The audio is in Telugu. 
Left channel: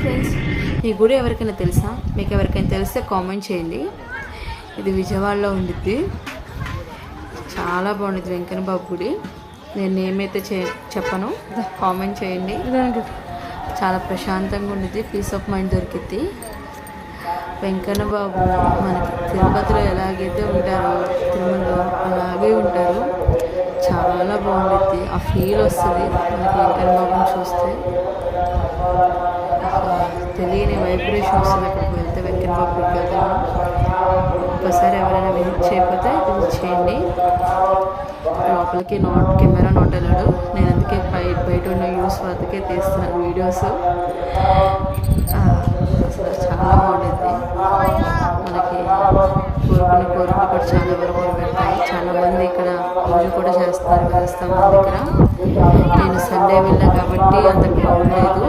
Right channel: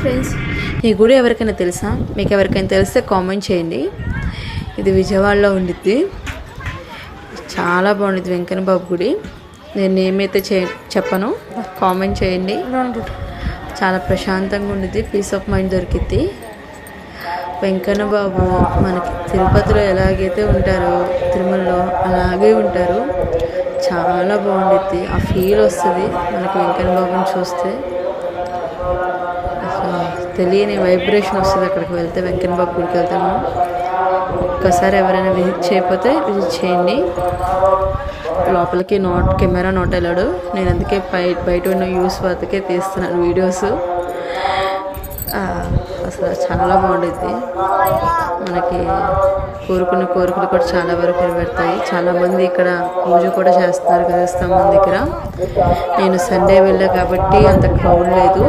ఫ్రెండ్స్, ఈ గుడి ఎవరికైనా తెలుసా? మీకు ఎవరికైనా తెలిస్తే కామెంట్ చేయండి. ఇది విజయవాడలో ఉండిద్ది. చాలా బాగుండిద్ది వెంకన్న బాబు గుడి. నేను ఏమైతే చెప్పను, కామెంట్ చేయండి. చాలా ప్రశాంతంగా ఉండిద్ది, పీస్ ఆఫ్ మైండ్ దొరికిద్ది. వెంకన్న బాబు మనకి తిరుపతిలో ఎలాగైతే ఉంటారో తిరుమలలో అలాగే ఉంటారు. చాలా బాగుండిద్ది, ఆ ఫీల్ వస్తుంది మనకి వెంకన్న బాబుని చూస్తే. తెలియని వైబ్రేషన్ వస్తుంది అక్కడికి వెళ్తే, వెంకన్న బాబు గుడికి వెళ్తే. మనం ఒక్కసారి ఎవరైనా విజిట్ చేయకపోతే విజిట్ చేయండి. లోపలికి కెమెరా నాట్ అలౌడ్. నేను అందుకే బయట ఉన్న వ్యూస్ వద్దకే తీస్తున్నాను వీడియోస్. అసలు చాలా బాగుంటుంది. మనకి కోరుకున్న కోరికలు కూడా చాలా వరకు నెరవేరుతాయి. చాలామంది ఇక్కడ పూజ కూడా చేస్తారు కదా స్తంభం దగ్గర. నేను సండే వెళ్ళా కాబట్టి అంత క్రౌడ్ లేదు.